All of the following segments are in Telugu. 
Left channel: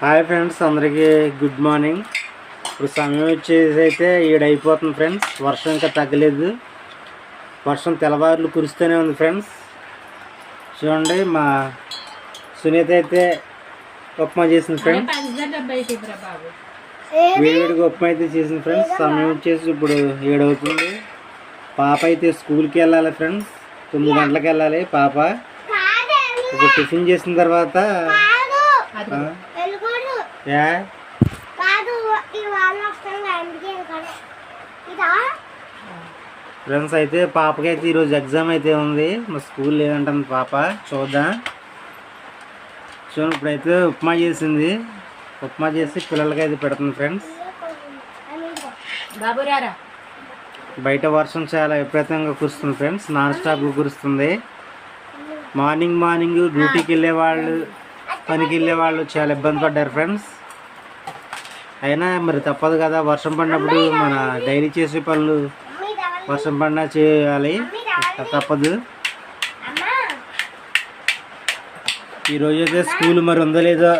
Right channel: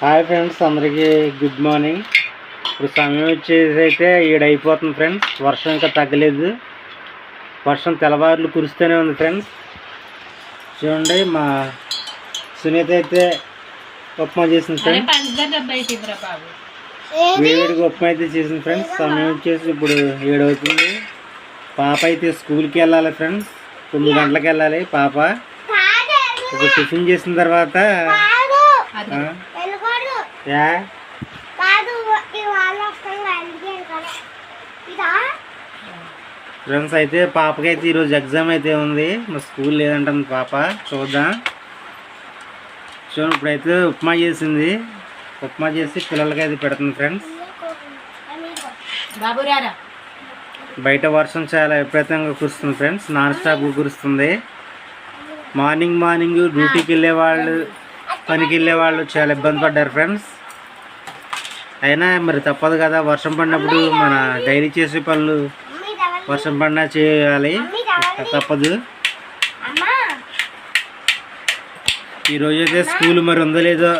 హాయ్ ఫ్రెండ్స్, అందరికీ గుడ్ మార్నింగ్. ఇప్పుడు సమయం వచ్చేసి అయితే 7 అయిపోతుంది ఫ్రెండ్స్. వర్షం ఇంకా తగ్గలేదు. వర్షం తెల్లవారులు కురుస్తూనే ఉంది ఫ్రెండ్స్. చూడండి, మా సునీత అయితే ఉప్మా చేసింది ఫ్రెండ్స్. వేడిగా ఉప్మా అయితే చేసింది ఫ్రెండ్స్. సమయం వచ్చేసి ఇప్పుడు 7 అవుతుంది. పాప అయితే స్కూల్కి వెళ్ళాలి ఫ్రెండ్స్. 9 గంటలకు వెళ్ళాలి పాప. ఇప్పుడు టిఫిన్ చేసిన తర్వాత ఫ్రెండ్స్ అయితే పాపకైతే ఈరోజు ఎగ్జామ్ అయితే ఉంది. మా స్కూల్ లేదంటుంది పాప. చూద్దాం. చూడండి, ఇప్పుడైతే ఉప్మా చేసింది. ఉప్మా చేసి పిల్లలకి అయితే పెడుతుంది ఫ్రెండ్స్. బయట వర్షం చాలా విపరీతంగా కురుస్తుంది ఫ్రెండ్స్. నాన్ స్టాప్గా కురుస్తుంది. మార్నింగ్ డ్యూటీకి వెళ్ళేవాళ్ళు, పనికి వెళ్ళేవాళ్ళు చాలా ఇబ్బంది పడ్డారు ఫ్రెండ్స్. అయినా మరి తప్పదు కదా, వర్షం పడినప్పుడు మన డైలీ చేసే పనులు వర్షం పడినా చేయాలి, తప్పదు. ఈరోజు అయితే స్కూల్ మరి ఉందో లేదో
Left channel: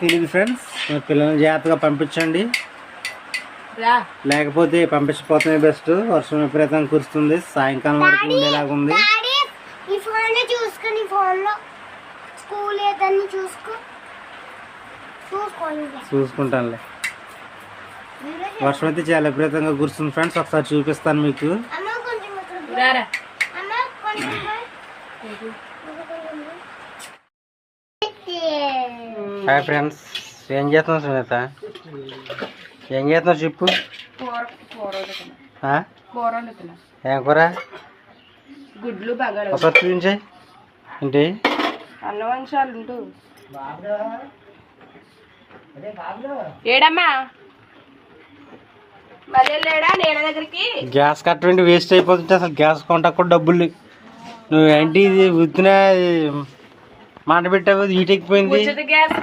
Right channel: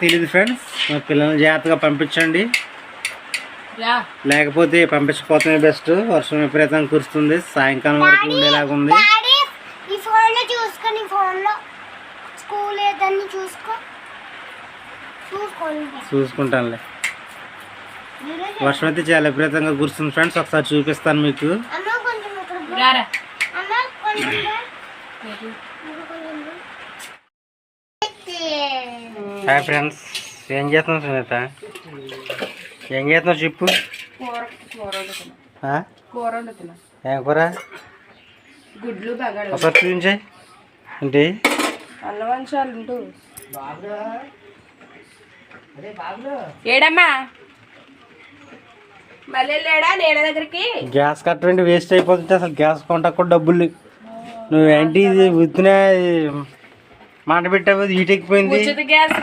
తెలియదు ఫ్రెండ్స్. మరి పిల్లల్ని జాగ్రత్తగా పంపించండి, లేకపోతే పంపించకపోతే బెస్ట్. వర్షం విపరీతంగా కురుస్తుంది. సాయంకాలం వరకు ఉండేలాగా ఉంది. చూసుకుంటానులే. వర్షం అయితే చాలా విపరీతంగా కురుస్తుంది ఫ్రెండ్స్. ఒకసారి చూపిస్తాను మీకు. హాయ్ ఫ్రెండ్స్, ఏం చేస్తున్నావు సునీత? ఏం చేస్తున్నావు చెప్పు. ఏం కూర? గుడ్లు ఒకసారి చూపించాయి ఏంటి? ఏడమ్మా మళ్ళీ లేడా నేల దగ్గరికి? గ్యాస్ కట్టండి వేస్ట్ అయిపోతుంటే అసలు గ్యాస్ కొంటకు కూడా డబ్బులు. నువ్వు ఏంటి ఇది ఉత్తిన మంట పెట్టావు, హీట్ ఎక్కిపోయింది. ఉచిత గ్యాస్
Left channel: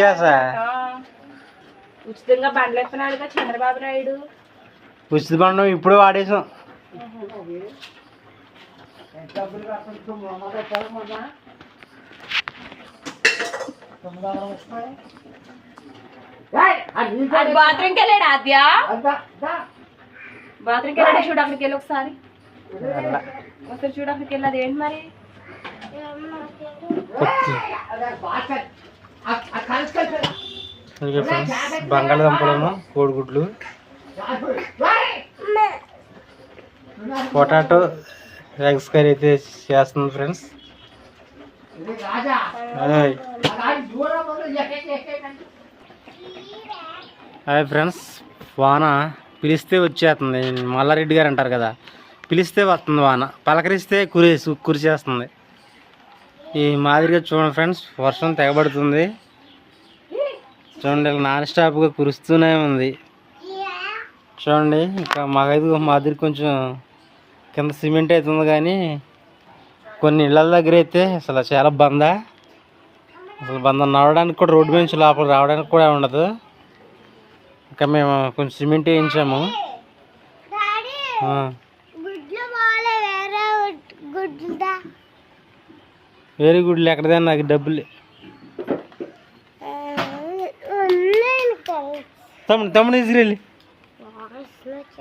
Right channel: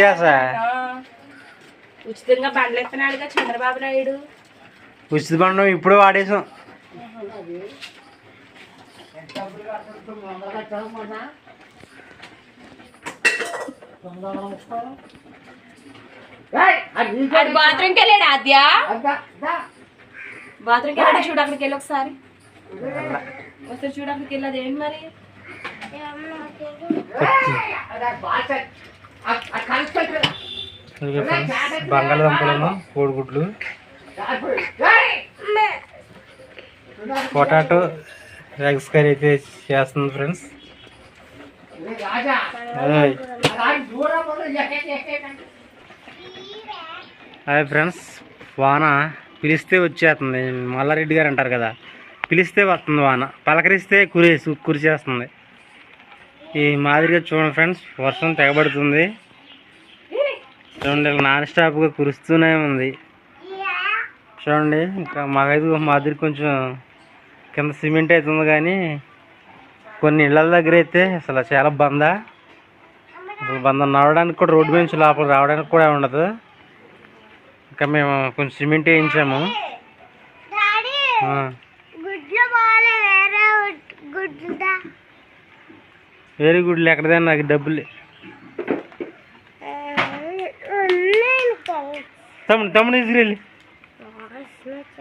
గ్యాసా? ఉచితంగా బండ్లు ఎత్తున్నాడుగా చంద్రబాబు నాయుడు. ఉచిత బండం ఇప్పుడు వాడేసాం. బాత్రూమ్కి వెళ్ళాడు ఆద్య. బాత్రూమ్కి వెళ్ళాడు, చూడు అక్కడికి వెళ్ళి ఒకసారి చూడు అక్కడికి వెళ్ళదు. ఏంటి మరి బంగాళదుంపలను, కోడిగుడ్లు, పొటాటో ఎగ్స్ కర్రీ అయితే చేస్తుంది ఫ్రెండ్స్. హాయ్ ఫ్రెండ్స్, వాన పిలిస్తే వచ్చేస్తుంది. మల్లారెడ్డి గారు అంటారు కదా, పిలిస్తే వస్తుంది వాన, పలకరిస్తే కురిచేస్తుంది. ఈ మాదిరిగా చూడండి ఫ్రెండ్స్, వర్షం తెగబడుతుంది. చూడండి, నాన్ స్టాప్గా కురుస్తూనే ఉంది. చూడండి, ఇంకా మాకైతే మాదిరి కొంచెం కింద సిమెంట్ అవుతుంది, కానీ కొన్ని ఇళ్ళ దగ్గర అయితే అసలు చాలా అసలు నడవడానికి కూడా, రోడ్డు నుంచి లోపల రావడానికి కూడా ఉండదు. ఇంకా మేము కొంచెం సిమెంట్ వేయించాము. వేరే గుడ్లు ఎక్కడదా, నాకు డబ్బులు. తమ్ముడు తీసుకురెళ్ళి,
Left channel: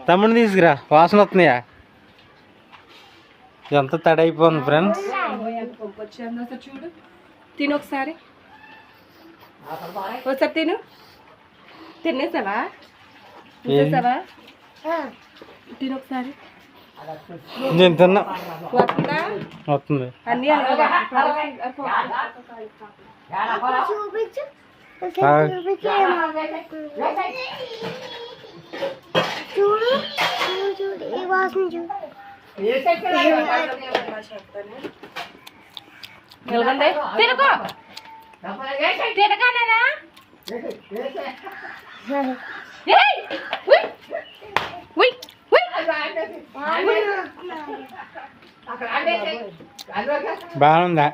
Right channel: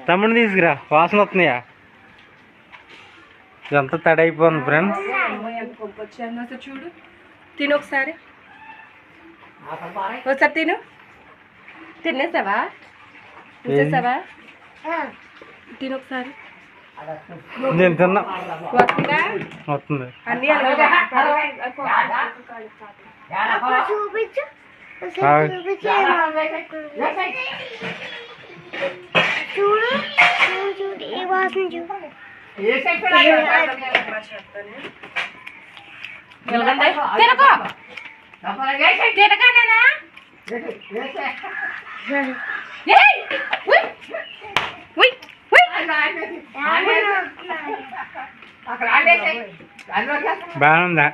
తమ్ముడిని తీసుకురా, వాసన వస్తున్నాయా? ఇదంతా తడైపోయింది ఫ్రెండ్స్. చూడు, తిను ఒకసారి తిను. తినేసావా? తిను ఒకసారి. నేను తిన్నా, వస్తుంది. అన్ని బాగుందా?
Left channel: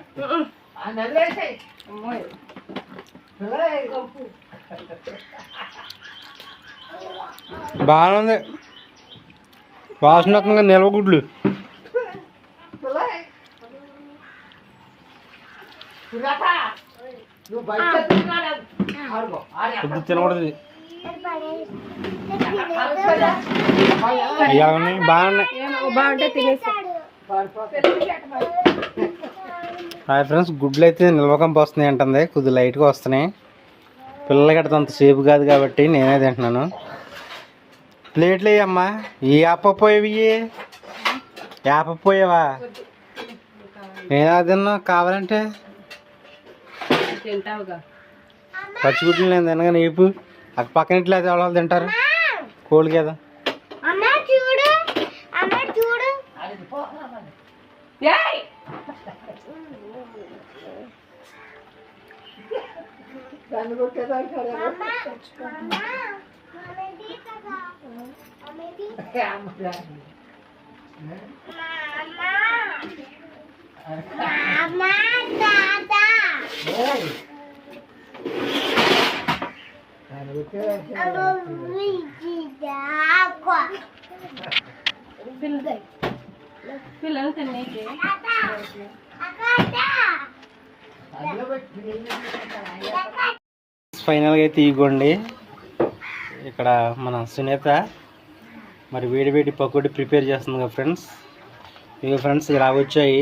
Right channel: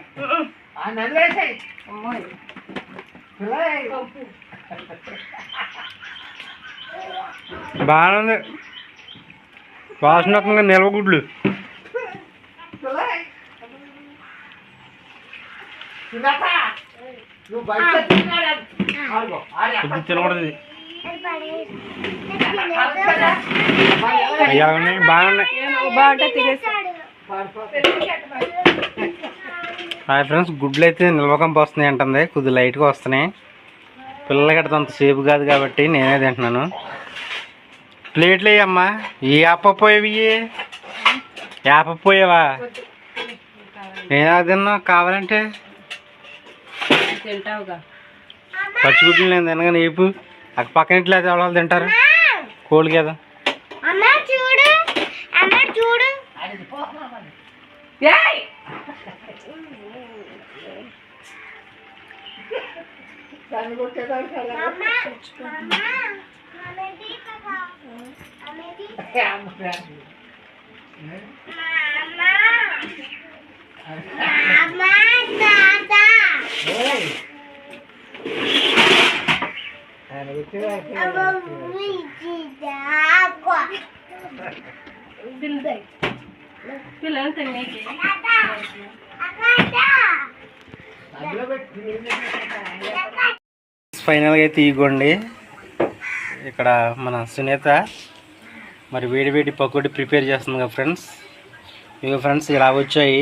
బాగుంది. వాసనకంగా నిలవగుడ్లు. కొద్ది తినకూడదు ఇది. అవి ఎలా ఉన్నాయి? బాగున్నాయి. బాగుంటే తినేసి హాయ్ ఫ్రెండ్స్, గుడ్లు అయితే నిల్వకంపు వస్తున్నాయి అంటుంది. కొద్దిగా లైట్గా వస్తున్నాయి. పిల్లలకి అట్లా అంత సేపు కాదు కాబట్టి నేనే తింటున్నాను. ప్లేట్లు వేయమ్మా. ఈ యాపపోయేవి యాపపోయేవా? నేనా తిన్నా కావాలంటే తింటావుగా. పచ్చిగుడ్లు నేను తినగానే ఏపు అక్క పక్కన ఇట్లా ఎవరు తింటారు? కోళ్ళు కదా. పిల్లలు తినేకి ఫైనల్గా అయితే ఇగోండి, ఇక్కడ మన సునీత మరి వేడి వేడి పకోడీ ప్రిపేర్ చేస్తుంది కదా ఫ్రెండ్స్. ఇగో ఫ్రెండ్స్ ఇలా వచ్చాయి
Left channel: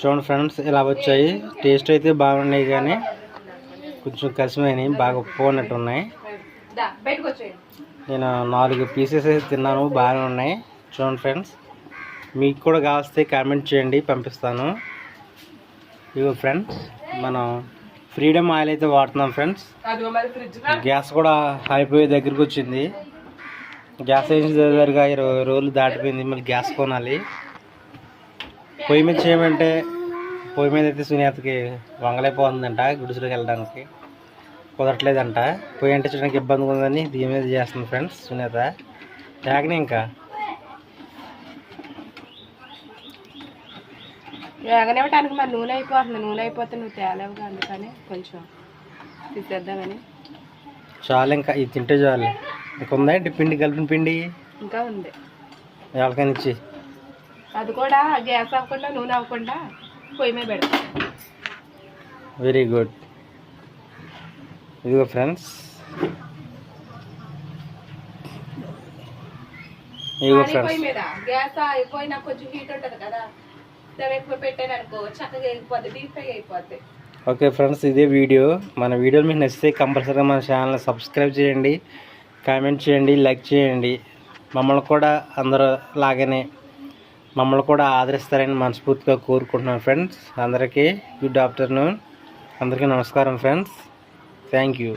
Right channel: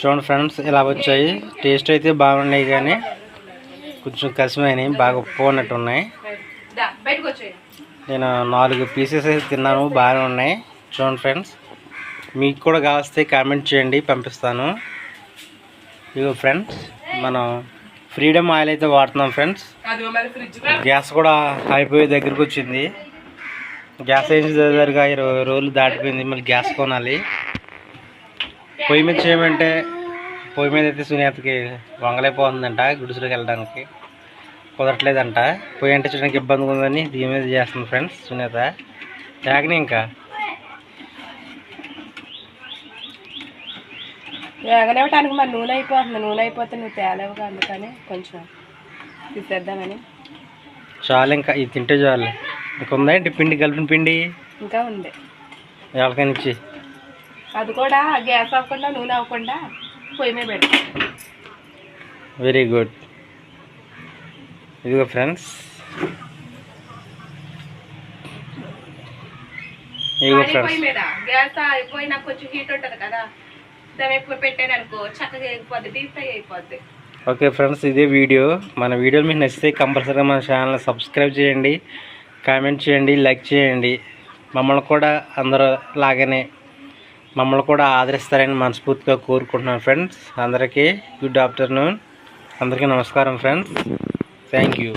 చూడండి ఫ్రెండ్స్, ఇలా వచ్చాయి. టేస్ట్ అయితే బాగున్నాయి కానీ కొంచెం కసిమైనవి, బాగా ఉప్పుకున్నట్టు ఉన్నాయి. నేను 4 పీసెస్ అయితే తిన్నాను, బాగానే ఉన్నాయి. చూడండి ఫ్రెండ్స్, మీకు కూడా కావస్తే కామెంట్ చేయండి, పంపిస్తాను. ఇగో ఫ్రెండ్స్, మనం ఫ్రీడమ్ ఆయిల్ అయితే వాడుతున్నాం ఫ్రెండ్స్. గ్యాస్ కూడా అయిపోయే దగ్గరికి వచ్చింది. గ్యాస్ వేసిన దగ్గరగా 20 రోజులు దాటిపోయింది. మళ్ళీ గ్యాస్ కొనాలి. పొయ్యి మీద చేయమంటే పొయ్యి మీద అయితే సునీతకి వంగలైపోతుందంట. గుడిసెలోకి వెళ్ళడానికి కుదరట్లేదంట. పొయ్యి అంటే చూడడానికి ఇబ్బందిగా ఉందని దీని మీద చేస్తుంది ఫ్రెండ్స్ సునీత. యాగని ఇంకా వేగనివ్వటానికి మరి నూనె అయిపోతుంది. నూనె అయిపోతే నువ్వు తేలేవుగా, అందుకని కొంచెం తీసేద్దామని. చాలు, ఇంకా ఇది తింటే చాలు. ఇంకా ఉందా ఏంటి పిండి, కలిపిన పిండి ఇంకా ఉంది. ఎవరికైనా ఇచ్చి అది కూడా గ్యాస్ అవ్వకుండా నూనె అవ్వకుండా పొయ్యి మీద పెడతాం. Very good. ఇదిగో ఫ్రెండ్స్, ఇదిగో ఫ్రెండ్స్, పొయ్యి మీద గ్యాస్ అయిపోయి నాకు కొంచెం హీట్ ఉంటుంది కదా, దాని ఎక్కువ పెట్టాను అనుకో చక్కగా అయిపోద్ది, డీప్ ఫ్రై అయిపోద్ది. ఓకే ఫ్రెండ్స్, ఇదే వీడియో. మన వీడియోలు మీకు నచ్చితే కంపల్సరీగా మన ఛానల్ని సబ్స్క్రైబ్ చేయండి, కామెంట్ చేయండి, లైక్ చేయండి. మమ్మల్ని కూడా అందరూ లాగానే మమ్మల్ని కూడా ఆదరిస్తారని మనస్ఫూర్తిగా కోరుకుంటున్నాను ఫ్రెండ్స్. అందరికీ గుడ్ ఆఫ్టర్నూన్, అందరికీ నమస్కారం ఫ్రెండ్స్. Thank you.